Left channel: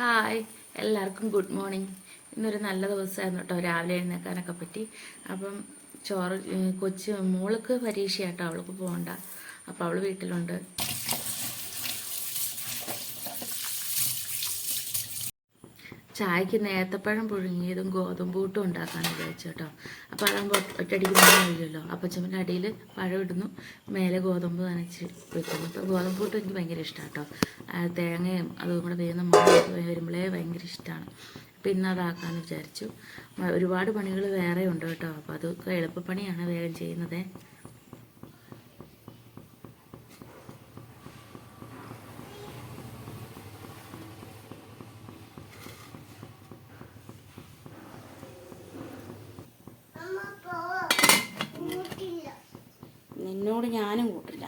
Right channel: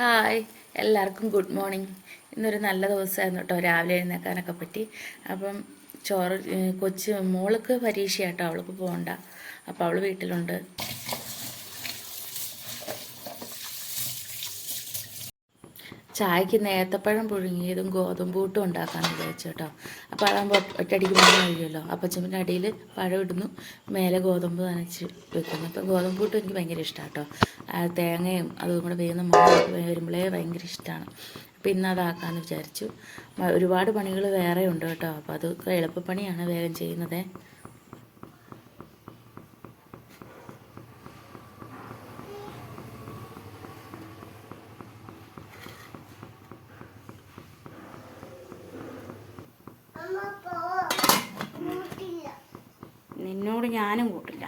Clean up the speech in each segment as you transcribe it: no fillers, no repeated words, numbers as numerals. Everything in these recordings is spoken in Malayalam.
ഹായ്, എല്ലാവർക്കും ഗുഡ് മോർണിംഗ്. ഇന്നൊരു നല്ല ദിവസമായിരുന്നു കേട്ടോ, രാവിലെ എഴുന്നേൽക്കാനൊക്കെ പറ്റി. അപ്പം കൊച്ച് മോൾക്ക് പരീക്ഷയാട്ടോ, അവൾക്ക് പോകണ്ട. അപ്പോൾ അവൾ വീട്ടിലുണ്ട്. ചായക്ക് നേത്തപ്പഴം പുഴുങ്ങിയതും ഗോതമ്പ് പുട്ടും ഉണ്ടാക്കാമെന്ന് വിചാരിച്ചു കേട്ടോ. അപ്പോൾ അതാകുമ്പോൾ ഒറ്റയടിക്ക് പണി കഴിയുമല്ലോ. അപ്പച്ചമ്പിൻ്റെ അടിയിൽ പഴം ഇടുന്നു, മേലെ ഗോതമ്പ് നനച്ച് വെക്കുന്നു. അപ്പോൾ ഗോതമ്പ് പുട്ടും എനിക്ക് ഭയങ്കര ഇഷ്ടമാണ് കേട്ടോ. തേങ്ങയും അതും കൂടെ വേകുന്ന മണമൊക്കെ വരുമ്പോഴേ ഭയങ്കര ഇഷ്ടമാണ്. അപ്പോൾ ഇന്ന് അതാക്കാമെന്ന് വിചാരിച്ചു. ഒരുപാട് പണികൾ വേറെ ഉണ്ട് കേട്ടോ. അപ്പോൾ അതൊക്കെ എളുപ്പപ്പണിയാണ് വേഗം ചെയ്യുന്നത്. നിന്നോട് ഞാനും കൂട്ടില്ല.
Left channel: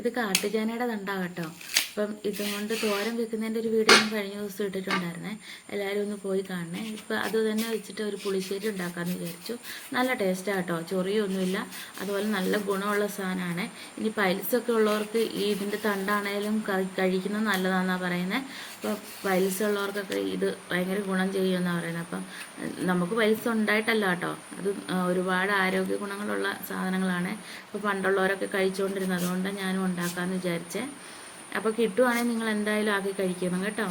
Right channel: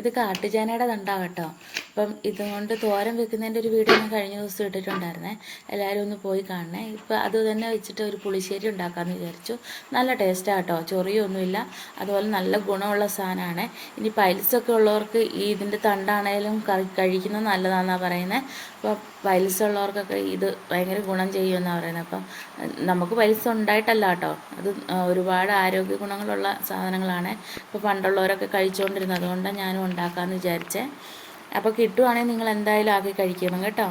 ഇത് കാട്ടുചേനയുടെ തണ്ടാണ് കേട്ടോ. അപ്പം ഇതുകൊണ്ട് തോരൻ വെക്കുന്നതിൻ്റെ ഒരു വീഡിയോ ഞാൻ കഴിഞ്ഞ ദിവസം ഇട്ടിട്ടുണ്ടായിരുന്നേ. എല്ലാവരും ഒന്ന് പോയി കാണണേ. ഇപ്പം അത് തന്നെ വെച്ചിട്ട് ഒരു പുളിശ്ശേരി ഉണ്ടാക്കാമെന്ന് വിചാരിച്ചു. നല്ല ടേസ്റ്റാണ് കേട്ടോ, ചൊറിയൊന്നുമില്ല. അതുപോലെ നല്ല ഗുണമുള്ള സാധനമാണ്. ഇനി പൈൽസൊക്കെ ഉള്ളവർക്ക് ഇതിൻ്റെ തണ്ടാണേലും കഴിക്കുന്നത് നല്ലതാണെന്നാണ് പറയുന്നത്. അപ്പോൾ പൈൽസ് ഉള്ളവർക്കൊക്കെ ഇത് ഭയങ്കര ഗുണം ചെയ്യുമെന്നാണ് പറയുന്നത്. അപ്പം നമുക്ക് പൈൽസ് ഉണ്ടായിട്ടല്ല കേട്ടോ, അത് ഒരുപാട് ആരോഗ്യ ഗുണങ്ങളുള്ള സാധനങ്ങളാണ്. ഇപ്പോൾ പണ്ടുള്ളവരൊക്കെ കഴിച്ചുകൊണ്ടിരുന്നത്, അതുകൊണ്ടാണ് ഞാനും ഉണ്ടാക്കാമെന്ന് വിചാരിച്ചേ. അപ്പോൾ കിട്ടുവാണെങ്കിൽ നിങ്ങൾ എന്തായാലും ആക്കി കഴിക്കണം കേട്ടോ.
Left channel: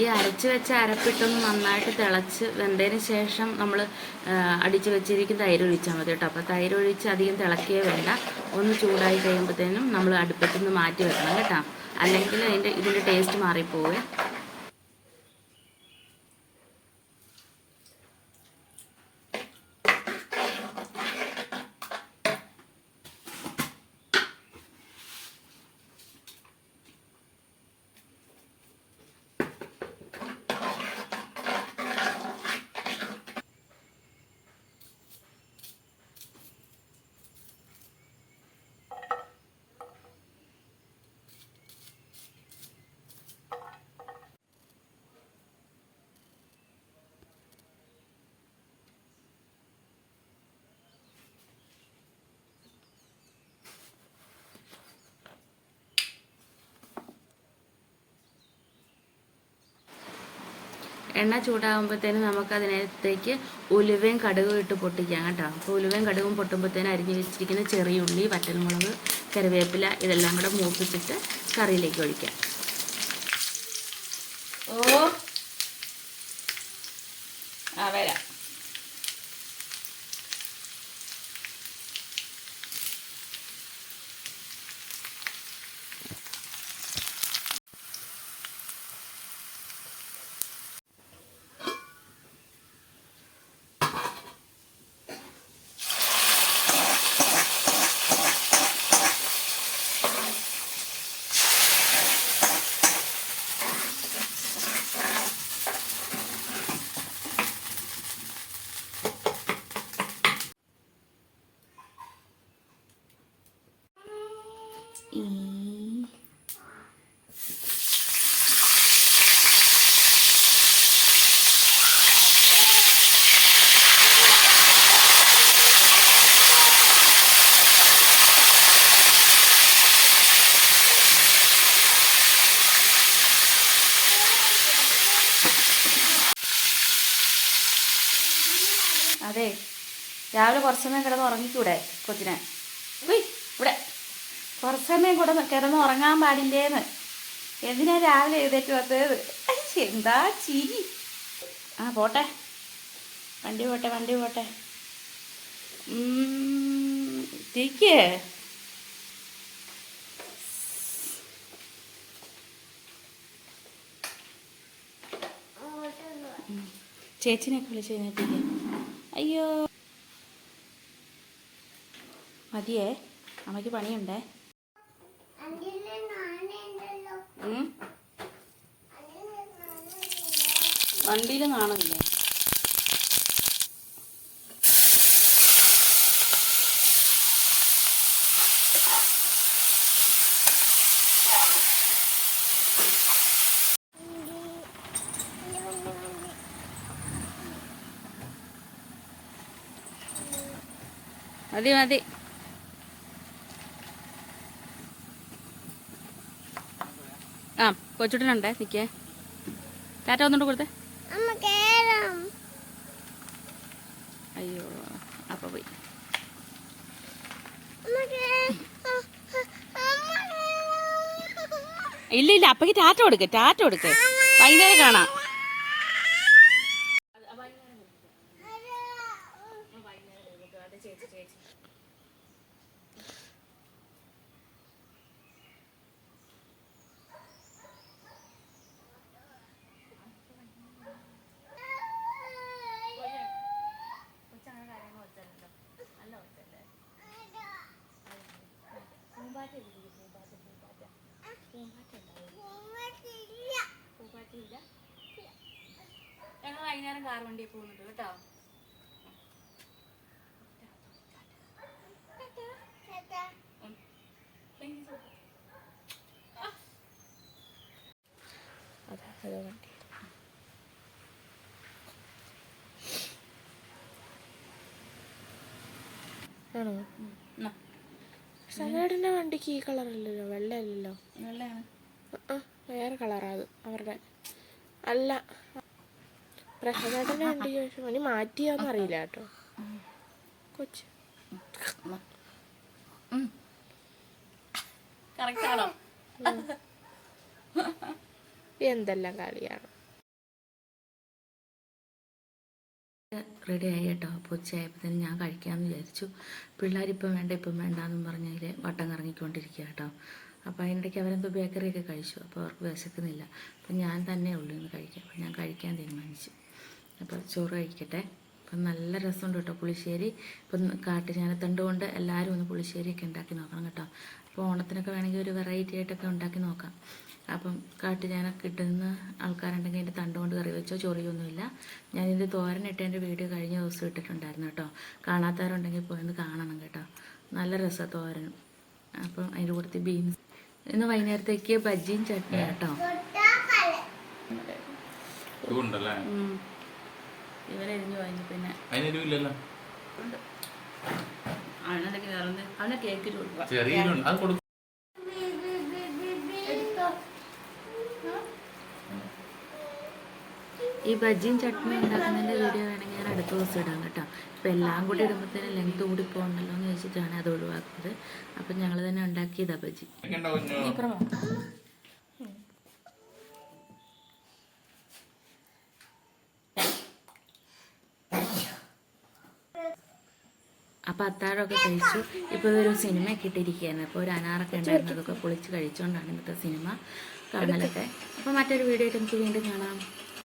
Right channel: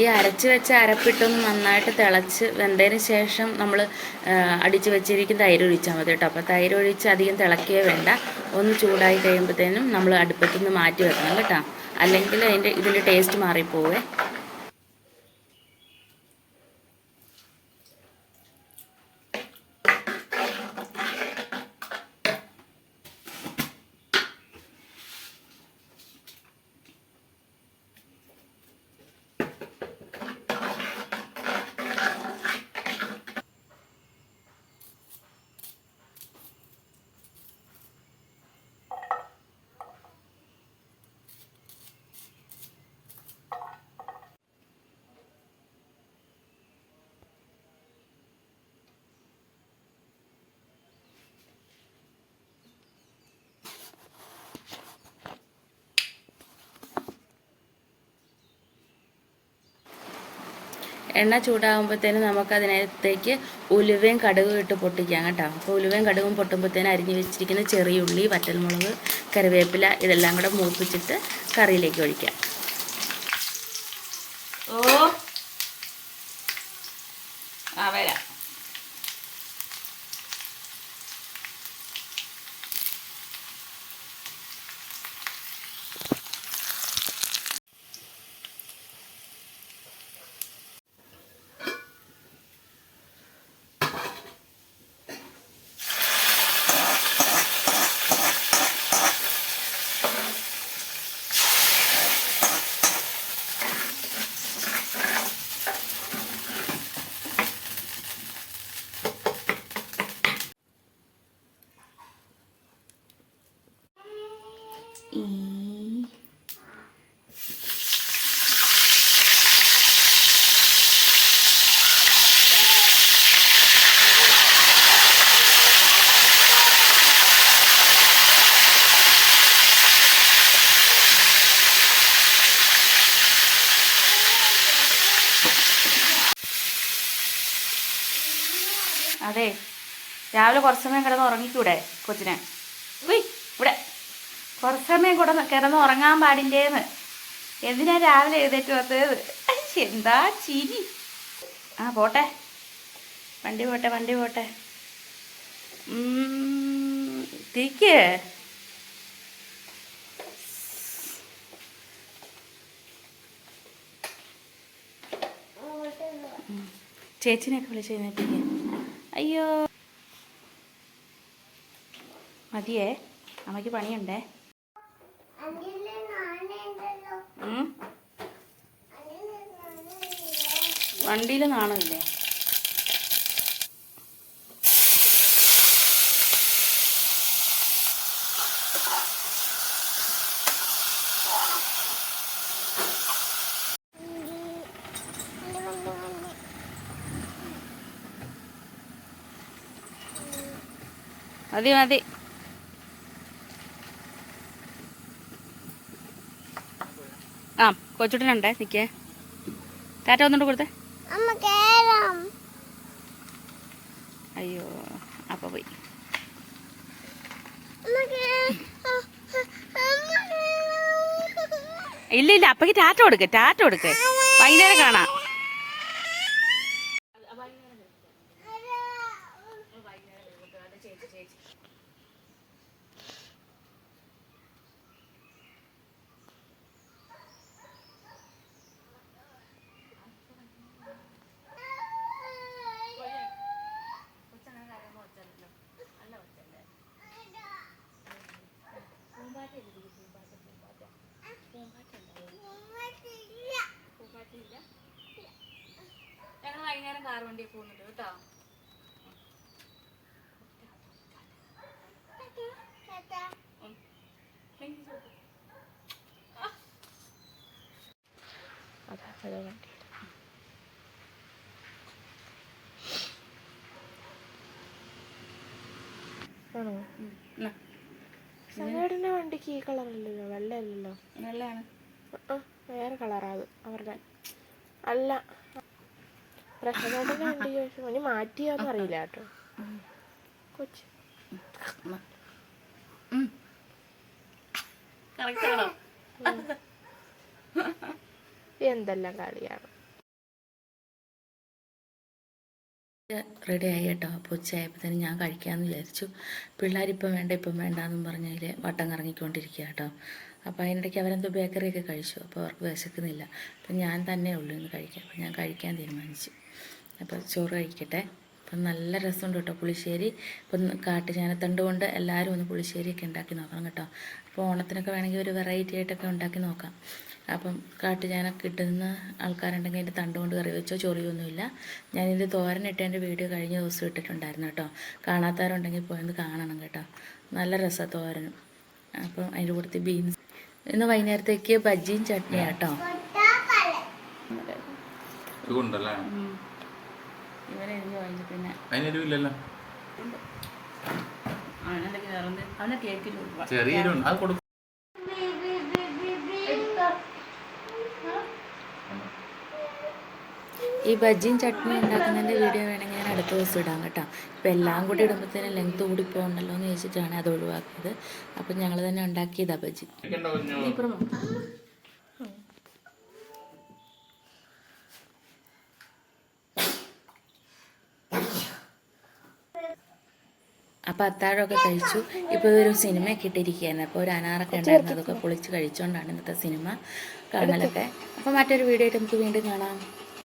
ഈ അരച്ച് വെച്ച അരപ്പിട്ടൊന്ന് നന്നായിട്ട് തിളച്ച് വെന്തതിന് ശേഷം നമ്മൾ അടിച്ച് വെച്ചിരിക്കുന്ന തൈര് ഒഴിച്ചാൽ മതി കേട്ടോ. അപ്പോൾ തൈര് ഒഴിച്ച് അധികം തിളക്കുകയേ വേണ്ട. ഒന്ന് ചൂടായി കഴിയുമ്പോഴത്തേനും നമ്മൾ അടുപ്പത്തു നിന്ന് മാറ്റി വെക്കണം കേട്ടോ, അല്ലെങ്കിൽ ഇതിൻ്റെ ടേസ്റ്റ് മാറിപ്പോവേ. എണ്ണ ചൂടാകുമ്പോഴത്തേനും നമുക്കതിനകത്തേക്ക് ഉലുവയും കടുകും ഇട്ട് പൊട്ടിക്കാം കേട്ടോ. അപ്പോൾ ഉലുവയും കടുകും പൊട്ടുമ്പോഴത്തേനും അരിഞ്ഞ് വെച്ചിരിക്കുന്ന ചെറിയുള്ളി, വറ്റൽമുളക്, കറിവേപ്പില ഇതെല്ലാം കൂടെ മൂപ്പിച്ചിട്ട് കറിയിലേക്ക് ഒഴിക്കാം. വരാം. അതെ, രാവിലെ കുറച്ച് സമയം കിടന്ന് ഉറങ്ങിക്കൂടെ കൊച്ചിനെ? ഇവിടെ കുറച്ച് സമയം കൂടെ കിടന്ന് ഉറങ്ങാൻ പാടില്ലേന്ന്. എന്തിനാ രാവിലെ എഴുന്നേറ്റ് വന്നത്? എന്താ ചിരി. ആ പോട്ടെ, വണ്ടി പോട്ടെ, വണ്ടി പോട്ടെ. തിരിക്ക്. ചേച്ചിനെയൊക്കെ വിളിച്ച് എഴുന്നേപ്പിക്കേ. അയ്യോ മതിയേ, അമ്മയ്ക്ക് പണിയുണ്ടേ. വണ്ടിയിൽ നാണമില്ലേ? മതി മതി. ആ കൊച്ചുട്ടനുണ്ടേ, നിൽക്കേ. ടാറ്റ ഒന്നുകൊണ്ട് കൊടുത്തേ. അയ്യോ അപ്പ പോയി. ഇല്ല ഇല്ല, അപ്പക്ക് ടാറ്റ കൊടുക്ക്, ടാറ്റ കൊടുക്ക്. വൈകുന്നേരം കാണാം. ഞങ്ങൾ വൈകുന്നേരം കാർ വണ്ടി പോകുന്നുണ്ട് കേട്ടോ. സവേടിന്റെ വണ്ടിക്ക് ഈ കളറല്ലല്ലോ, വെള്ളയല്ലല്ലോ. വെള്ളയാണ്, വേറെ കളറാ അത് അവരുടെ. അല്ല, പ്രശാന്തിന്റെ വണ്ടി ചോദിച്ചു ഇനി മാറ്റിയാന്ന് അറിയില്ല കേട്ടോ. കൊച്ചു എന്തെല്ലാം കളിയാണ്. റെഡി ആയി കേട്ടോ. അപ്പോൾ ഉച്ചയായപ്പോഴത്തേനും ഞാൻ കഴിക്കാമെന്ന് വിചാരിച്ചു. പിള്ളേരിപ്പം വേണ്ട ഇപ്പം വേണ്ടാന്നും പറഞ്ഞതിൽ വട്ടം കറങ്ങിക്കൊണ്ടിരിക്കുക കേട്ടോ. അപ്പോൾ അതിനിടയ്ക്ക് അവരെന്തോ ബേക്കറിയൊക്കെ കഴിച്ചു. അപ്പോൾ അവർക്ക് വിശക്കുന്നില്ല. അപ്പം ഞാൻ തന്നെ ഉള്ളൂ ഇന്ന് കഴിക്കാം. അപ്പോൾ ഞാൻ കഴിക്കാൻ തീരുമാനിച്ചു. അപ്പോൾ ചോറ് കഴിക്കട്ടെ. അപ്പം നല്ല രസമുണ്ട് കേട്ടോ പുളിശ്ശേരി. ഇപ്പം കാട്ടുചാനത്തണ്ട് കൊണ്ട് എല്ലാവരും ഒന്ന് പുളിശ്ശേരിയൊക്കെ ഉണ്ടാക്കി നോക്കണം കേട്ടോ. അപ്പോൾ ഓണത്തിനൊക്കെ വേണമെങ്കിൽ ഒരു വെറൈറ്റി ആയിട്ടൊക്കെ ഉണ്ടാക്കി നോക്കാം. അപ്പം കാട്ടുചാന കിട്ടുന്ന ആൾക്കാരുണ്ടെങ്കിൽ അതിൻ്റെ തണ്ട് കൊണ്ട് കറി വെച്ചോ, ചൊറിയൊന്നുമില്ല. ഞാനിത് തോരനിട്ടതിൻ്റെ വീഡിയോ കഴിഞ്ഞ ദിവസം ഇട്ടിട്ടുണ്ടായിരുന്നു കേട്ടോ. കാണാത്തവരുണ്ടെങ്കിൽ പോയൊന്ന് കാണണം കേട്ടോ. നല്ല രസമാണ് തോരനും. അപ്പം അതിൻ്റെ കൂട്ടത്തിൽ ബീൻസ്. ഇന്ന് വൈകുന്നേരത്തേക്ക് ബജ്ജിയും ചട്നിയാണ് കേട്ടോ. ഇവരെരിഞ്ഞു കഴിഞ്ഞു. പിന്നെ അവനെ കേക്കിൽ കൊടുക്കുക. ഈ ബജ്ജിയും ചട്നി ഉണ്ടാക്കുന്നതിൻ്റെ വീഡിയോ വേണമെങ്കിൽ ഞാൻ അടുത്ത ദിവസം ഇടാം കേട്ടോ. ഇപ്പം എല്ലാം കൂടി ഇടുമ്പോഴത്തേനും ലെങ്ത് കൂടി പോകണ്ടല്ലോ എന്ന് ചോദിച്ചിട്ടാണ് അത് ഒഴിവാക്കിയത്. അപ്പം ഞങ്ങൾ തന്നെ ഉണ്ടാക്കിയതാ ബജ്ജി. അപ്പോൾ അത്താഴമൊക്കെ കഴിച്ചു. ഇപ്പോൾ ഒരു സിനിമയൊക്കെ ഇട്ടിരിക്കുകയായിരുന്നു. അപ്പോൾ ഒരു അനാറൊക്കെ ഉണ്ടായിരുന്നു, അതൊക്കെ പൊളിച്ച് കഴിച്ചുകൊണ്ടാണ് ഇന്നത്തെ സിനിമ കാണലൊക്കെ. അപ്പോൾ മറ്റൊരു വീഡിയോ ആയിട്ട് നമുക്ക് വീണ്ടും കാണാം.